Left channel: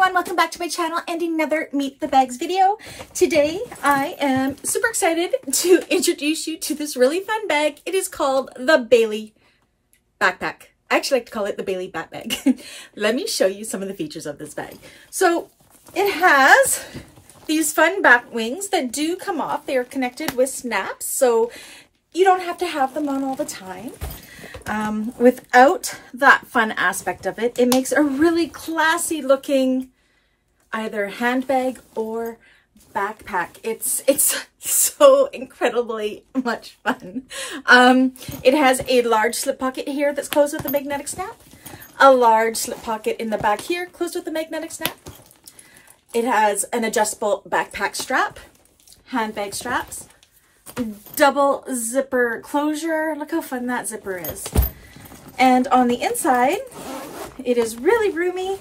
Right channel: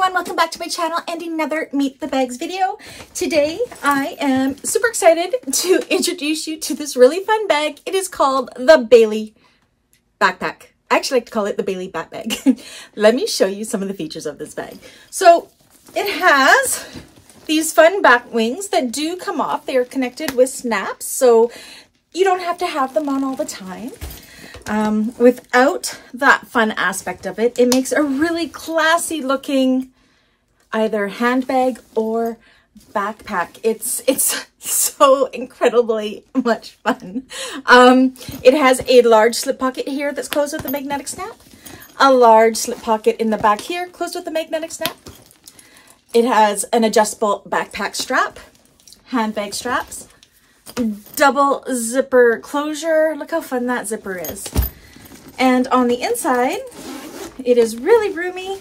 everyone, welcome back to my channel and another Meet the Bags video. Today I am super excited to introduce you to this really fun bag. It is called the Bailey backpack. I actually like to call it the Bailey back bag. Let me show you some of the features of this bag. So it has these fun back wings that do come off. They are connected with snaps, so you don't have to have them on all the time. Without that fun aspect of it, it makes a really classy looking either handbag or backpack. It's so incredibly much fun. It has a large slip pocket here that's closed with a magnetic snap, a large slip pocket in the back here closed with a magnetic snap. It has an adjustable backpack strap, handbag straps, double zipper closure. Look how fun that zipper is. And on the inside, it is really roomy,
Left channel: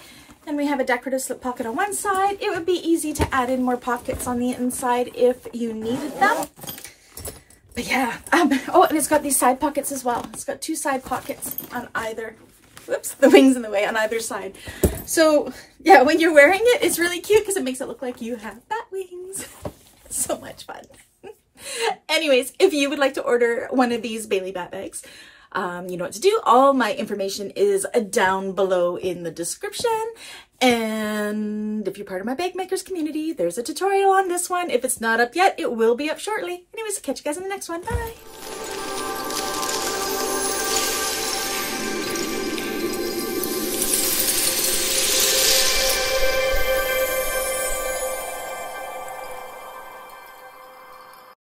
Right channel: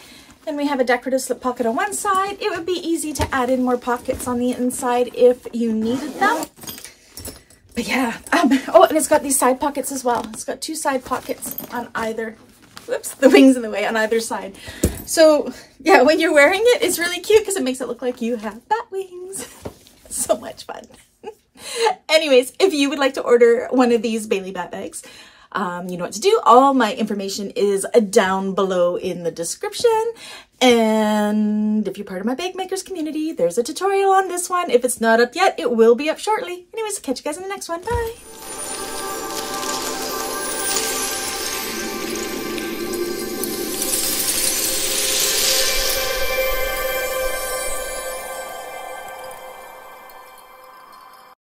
and we have a decorative slip pocket on one side. It would be easy to add in more pockets on the inside if you needed them. But yeah, oh, and it's got these side pockets as well. It's got two side pockets on either, whoops, the wings in the way on either side. So yeah, when you're wearing it, it's really cute because it makes it look like you have bat wings. So much fun. Anyways, if you would like to order one of these Bailey bat bags, you know what to do. All my information is down below in the description. And if you're part of my bag makers community, there's a tutorial on this one. If it's not up yet, it will be up shortly. Anyways, catch you guys in the next one. Bye.